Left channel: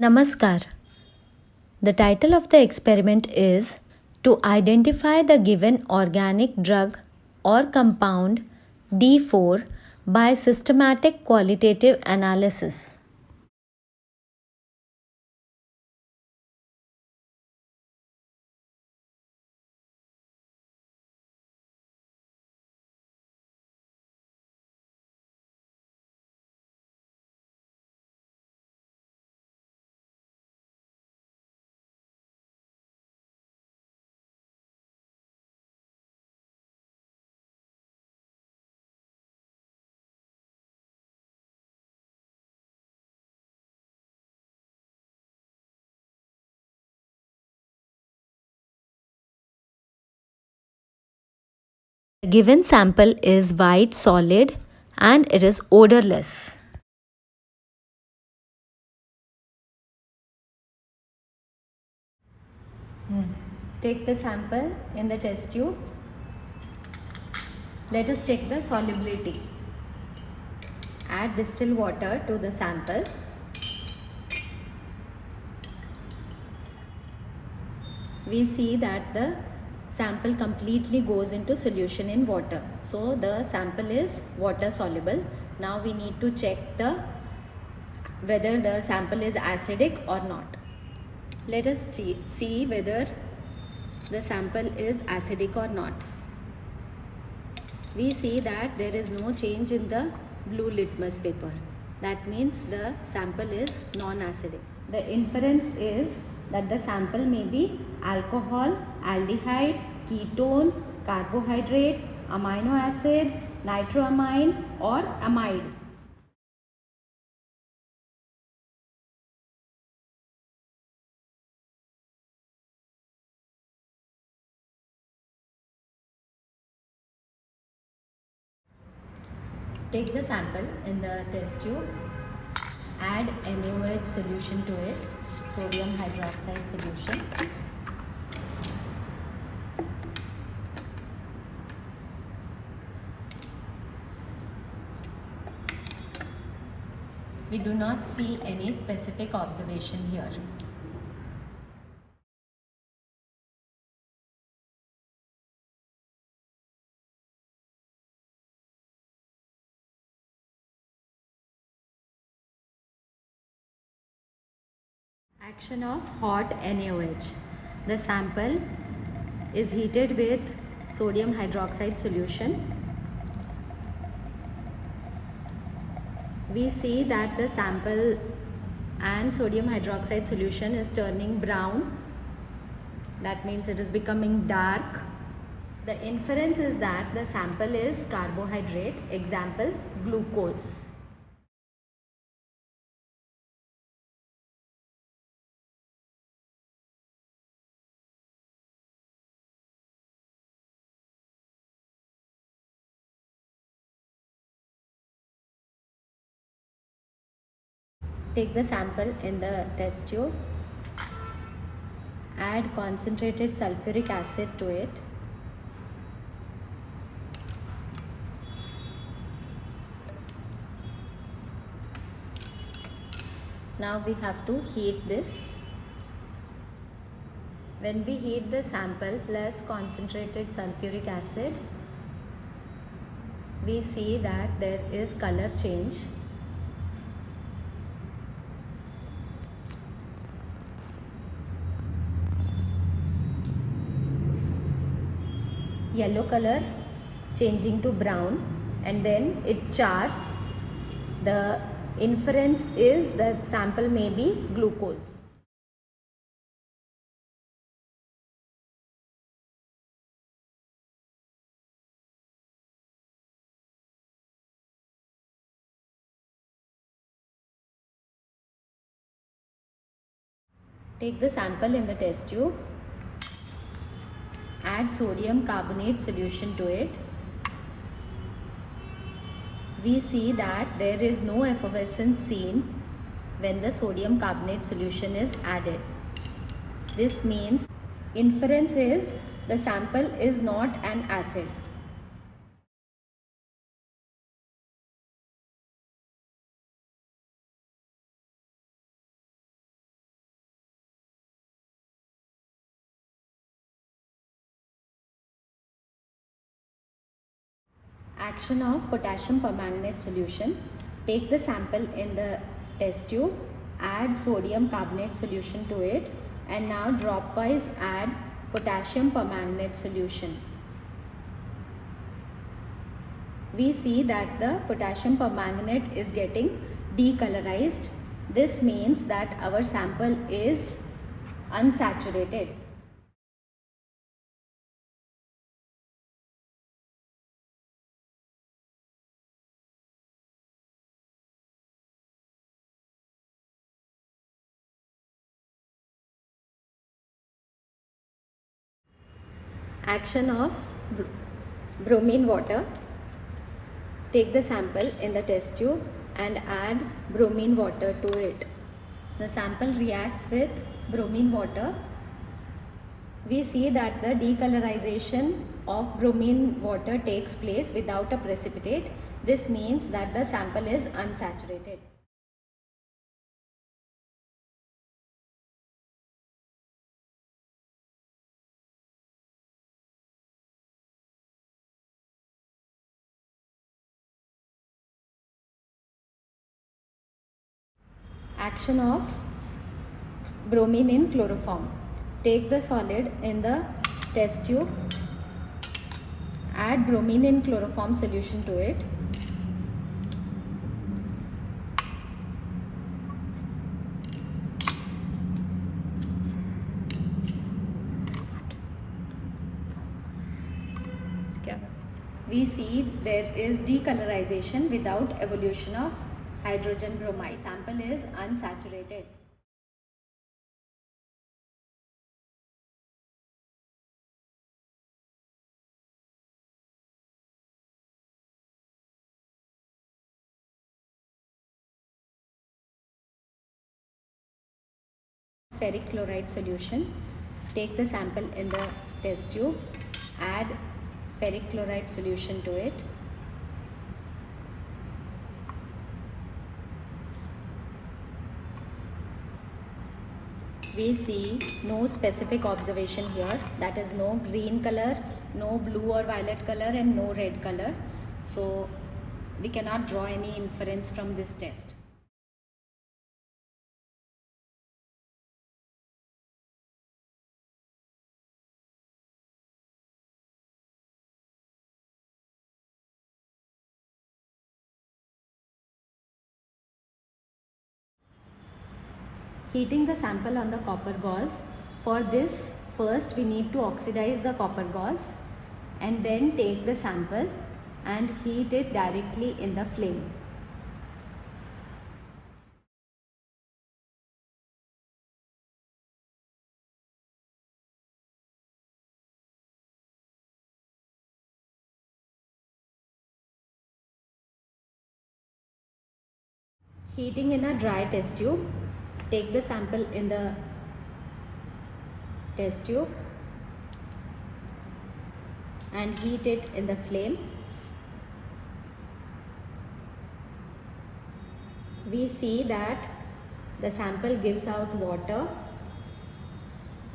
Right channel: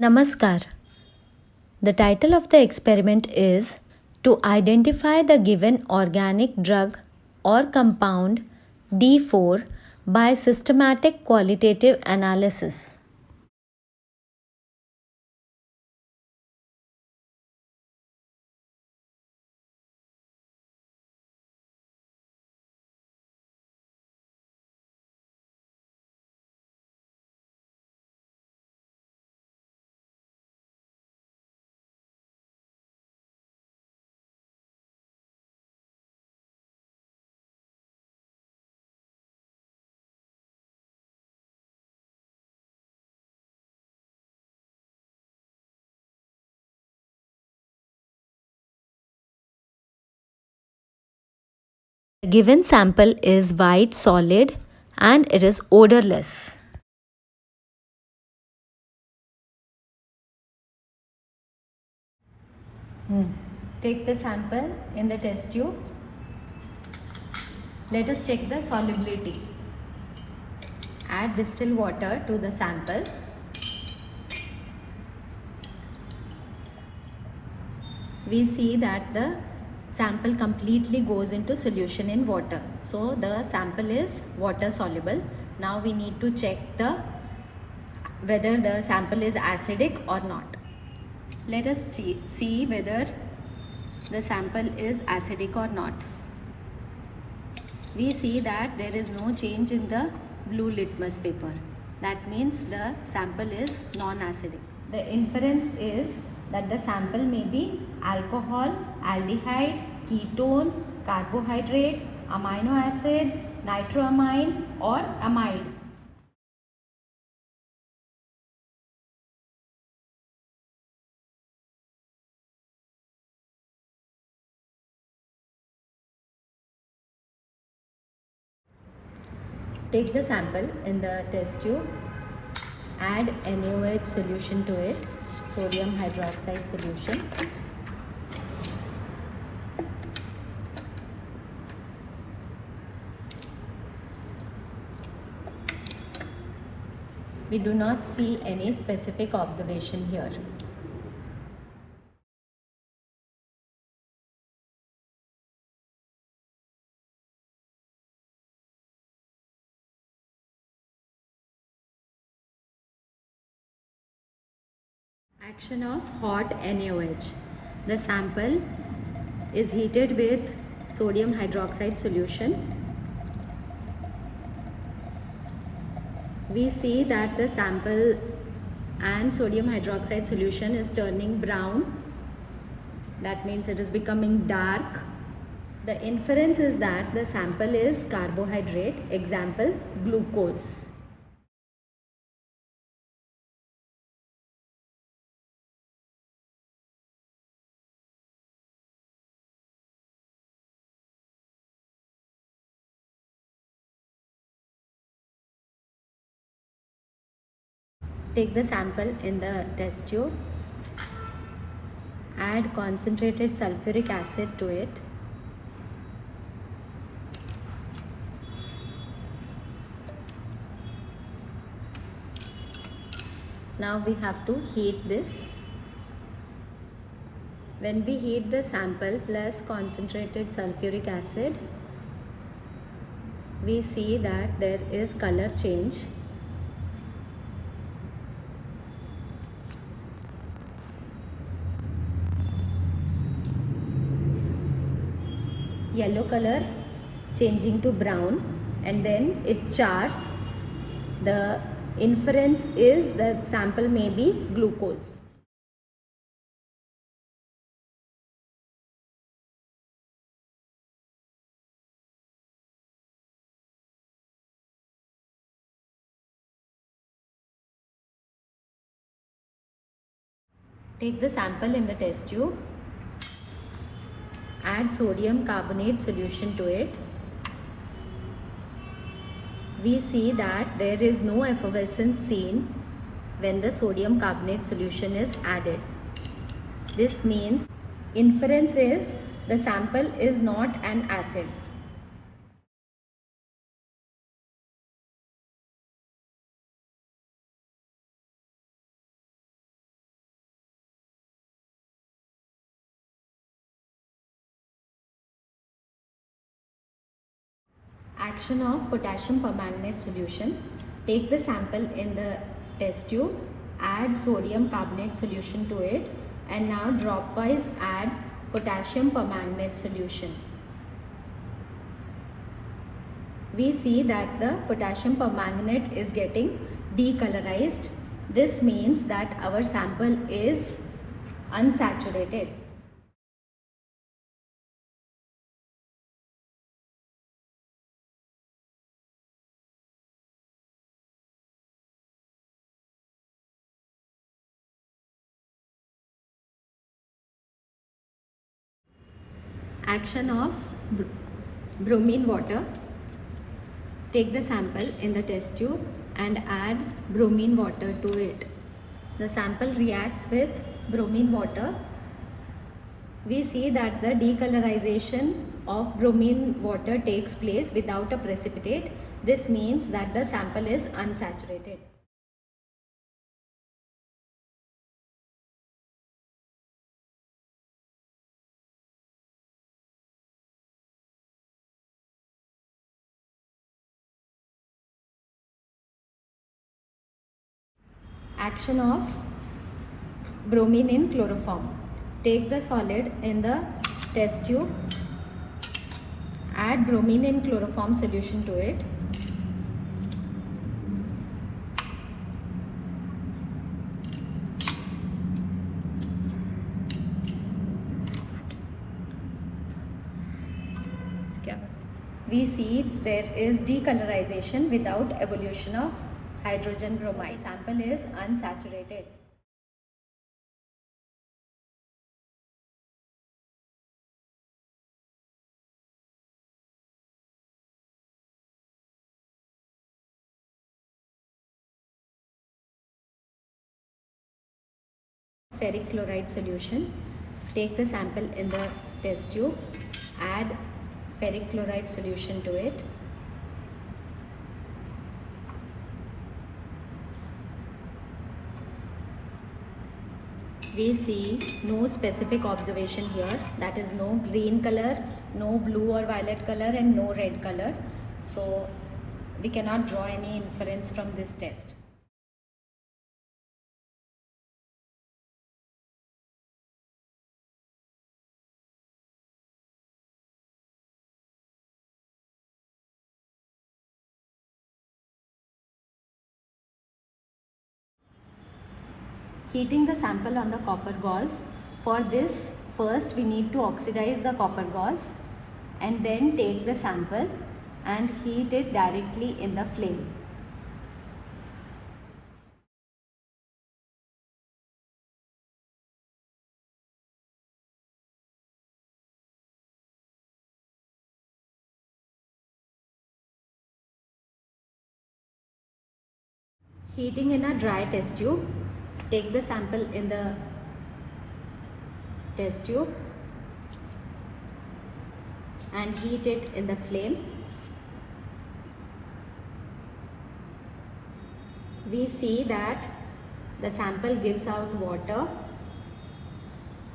Namaskar. The title of the experiment is to identify the given organic drug or compound D4 by systematic qualitative analysis. The given sample is white solid and it is odorless. Take the sample in the test tube. Let us check the solubility. Add distilled water to the sample. We see that the sample completely goes into solution in water. So the sample is water soluble. Now we need to check whether the sample is acidic or not. Let us see whether the sample is acidic or not. We see that there is no change in the blue litmus paper. That means the sample is non-acidic. The inference is that the sample may be alcohol, aldehyde, ketone, carbohydrate, amino acid, nitroamine or amide. Take the sample in the test tube, add NaOH solution to it, sodium hydroxide solution. We do not see any specific observation here. Action of hot NaOH. The sample is heated with sodium hydroxide solution. We see that the sample and sodium hydroxide solution is turning brown. That means it is becoming dark. The inference is that the sample is carbohydrate, example glucose. Take the sample in the test tube, add concentrated sulfuric acid to it. Now we have to heat this. When we heat the sample plus concentrated sulfuric acid, we see that there is color change. Yellow color changing to brown and then it chars. The inference is that sample may be glucose. Take the sample in the test tube, add sodium carbonate solution to it. We see that there is no effervescence seen when the sodium carbonate solution is added. This means inference is the sample is not an acid. Action of potassium permanganate solution. Take the sample in the test tube, add sodium carbonate solution to it, and now dropwise add potassium permanganate solution. We see that the potassium permanganate is getting decolorized. This means that our sample is unsaturated. Action of bromine water. Take the sample in the test tube and add bromine water to it. The sample reacts with bromine water. We see that the decolorization of bromine water takes place without a precipitate. This means that the sample is unsaturated. Action of bromine in chloroform. Take the solid in the test tube, add bromine in chloroform solution to it. We see there is decolorization without evolution of hydrogen bromide. Sample is unsaturated. Ferric chloride solution. Take the sample in the test tube, add ferric chloride solution to it. We see no specific observation here, that is no green color, no blue or violet color, and no red color. So we cannot draw any inference from this test. Heating the sample on the copper gauze. For this, first we need to oxidize the copper gauze and then take the sample and heat it directly in the flame. Heating in a dry test tube. Take the sample in the test tube and heat it in the flame. We see that the sample gives out water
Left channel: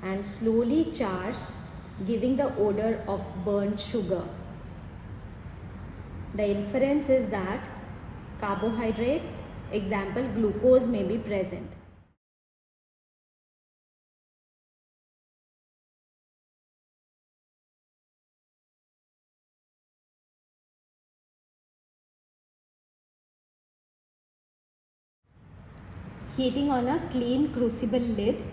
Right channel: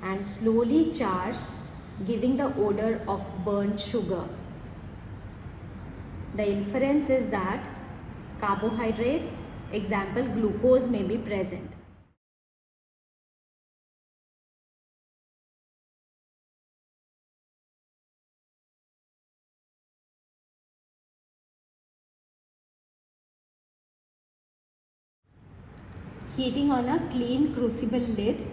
and slowly chars, giving the odor of burnt sugar. The inference is that carbohydrate, example glucose, may be present. Heating on a clean crucible lid.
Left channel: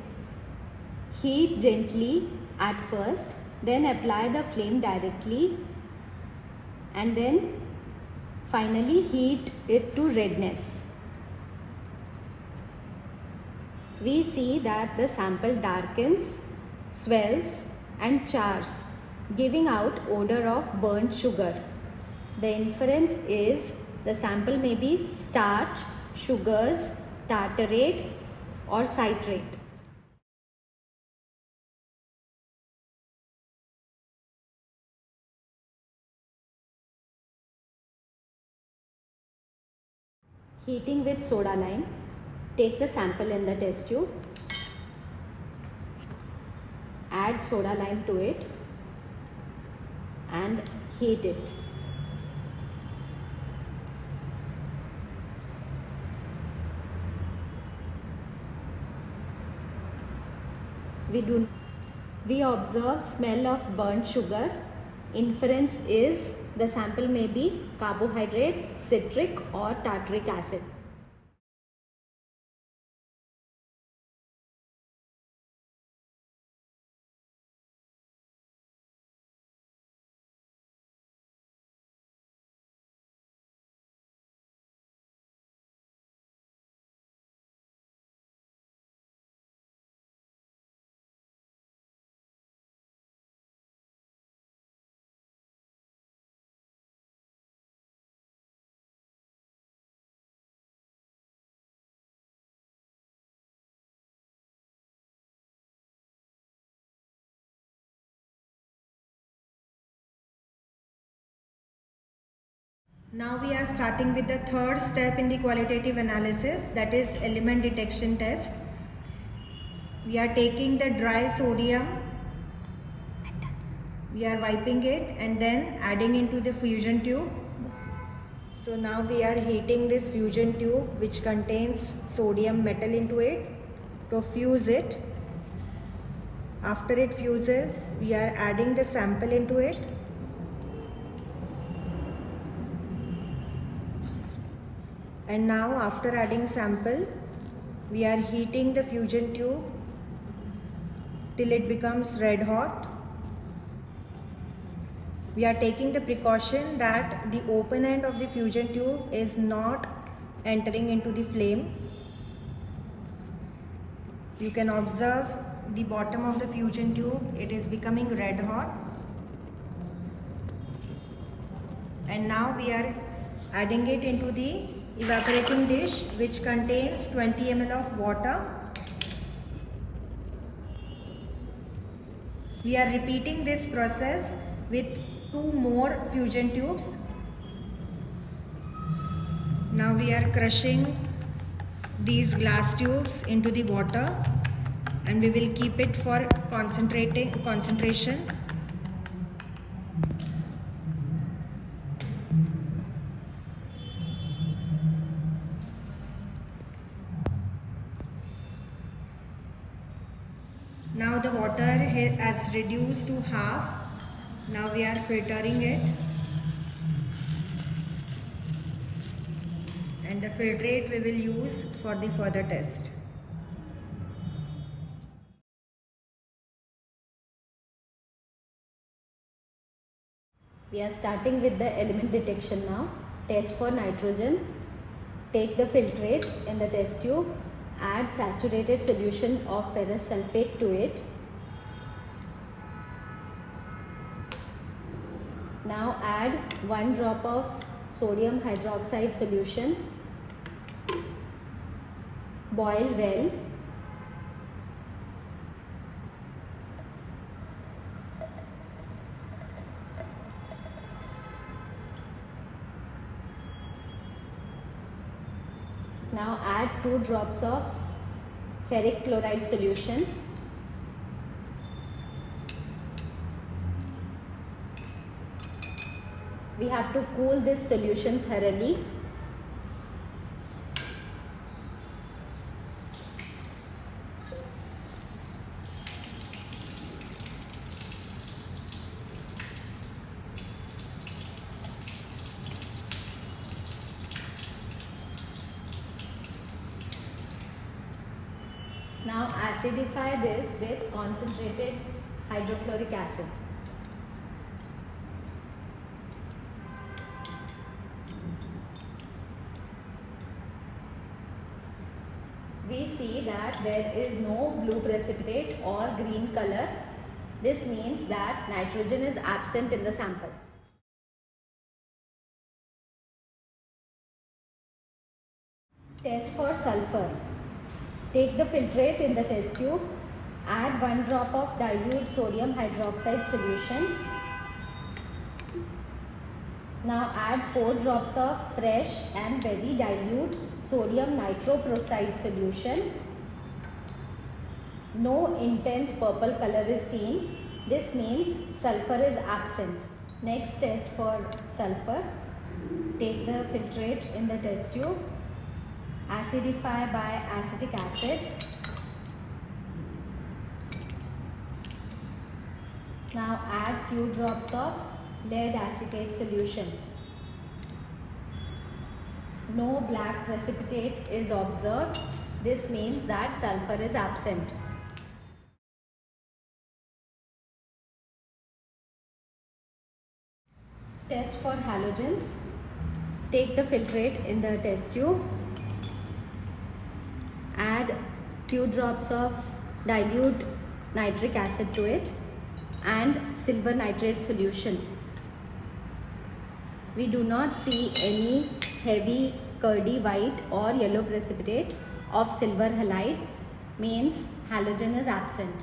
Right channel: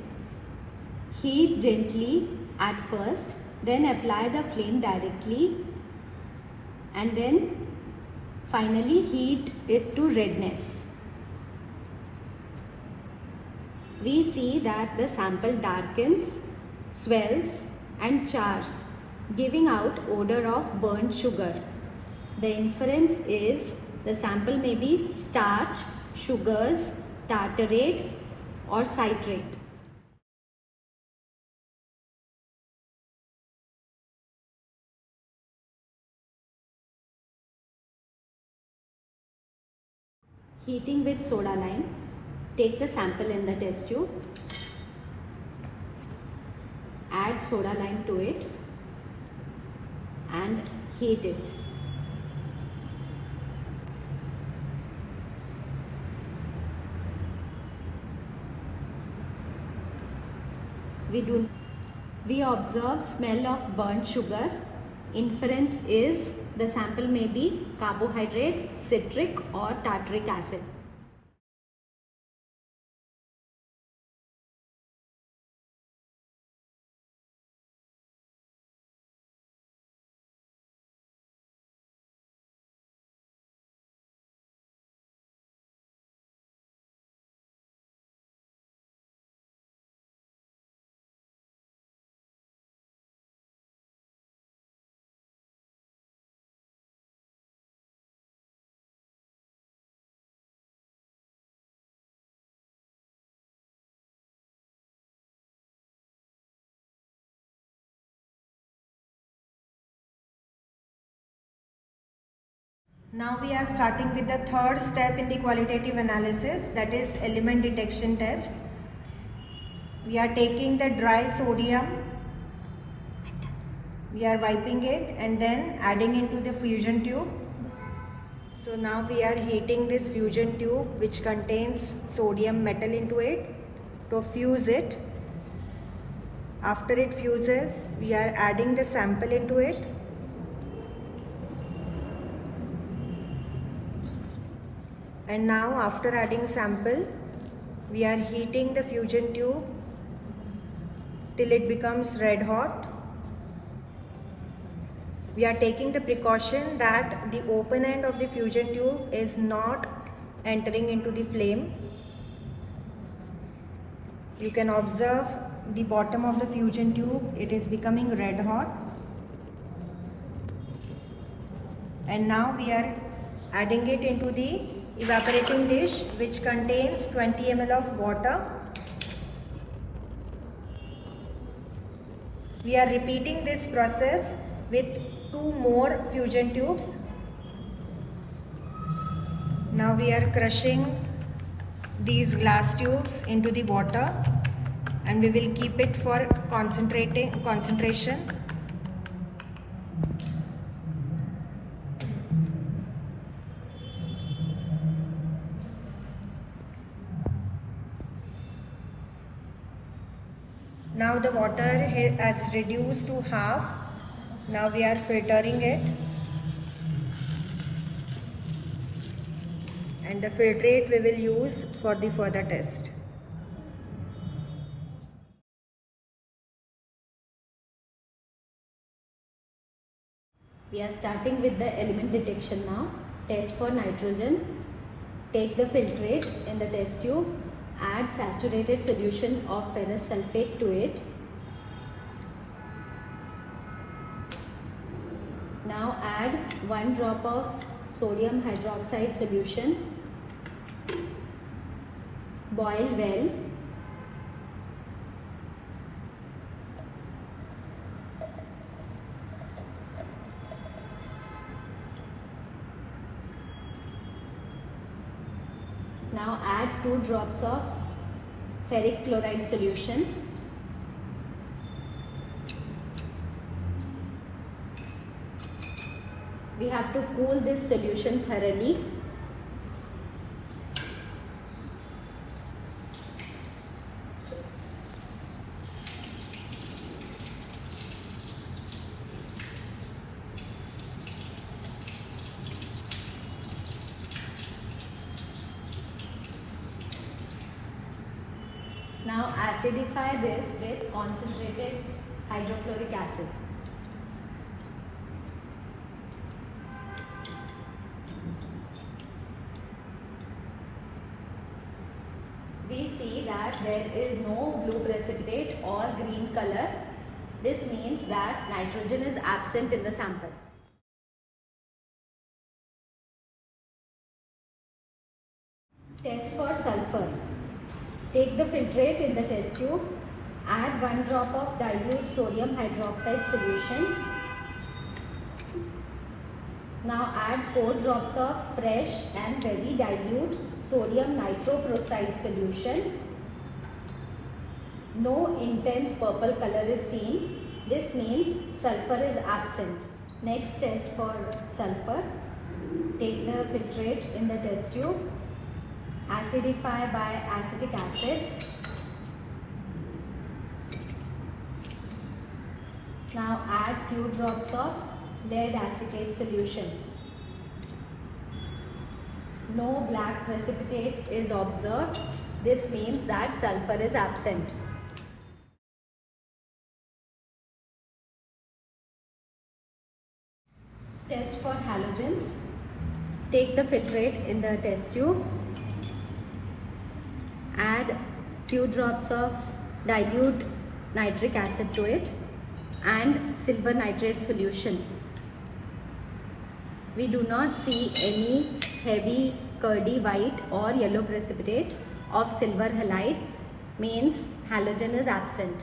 Heat gently at first, then apply the flame directly, and then finally heat it to redness. We see that the sample darkens, swells and chars, giving out odor of burnt sugar. The inference is the sample may be starch, sugars, tartarate or citrate. Heating with soda lime. Take the sample in the test tube, add soda lime to it and heat it. We observe smell of burnt sugar. Inference is the sample may be carbohydrate, citric or tartaric acid. Now we are starting with the third step in the qualitative analysis, that is element detection test. We are taking the dry sodium, we are wiping it and then adding into the fusion tube. So now we are heating this fusion tube which contains sodium metal into it to fuse it. After it fuses, we are adding the sample into it. And now after adding sample, we are heating the fusion tube till it becomes red hot. We are taking the precaution that the open end of the fusion tube is not entering into the flame. You can observe the bottom of the fusion tube, it is becoming red hot. And now we are adding it into the evaporating dish which contains 20 ml of water. We are repeating this process with 2 more fusion tubes. Now we are crushing these glass tubes into the water and we will keep it for concentration. Now the water has reduced to half. Now we are filtering it. And the filtrate we will use for the further test. We are starting with the element detection now. Test for nitrogen. Take the filtrate in the test tube. Add saturated solution of ferrous sulfate to it. Now add 1 drop of sodium hydroxide solution. Boil well. Now add 2 drops of ferric chloride solution. We have to cool this solution thoroughly. Now acidify this with concentrated hydrochloric acid. We see that there is no blue precipitate or green color. This means that nitrogen is absent in the sample. Test for sulfur. Take the filtrate in the test tube. Add 1 drop of dilute sodium hydroxide solution. Now add 4 drops of fresh and very dilute sodium nitroprusside solution. No intense purple color is seen. This means sulfur is absent. Next test for sulfur. Take the filtrate in the test tube. Acidify by acetic acid. Now add few drops of lead acetate solution. No black precipitate is observed. This means that sulfur is absent. Test for halogens. Take the filtrate in the test tube. Add few drops of dilute nitric acid to it and silver nitrate solution. We do not see any heavy curdy white or yellow precipitate of silver halide, means halogen is absent.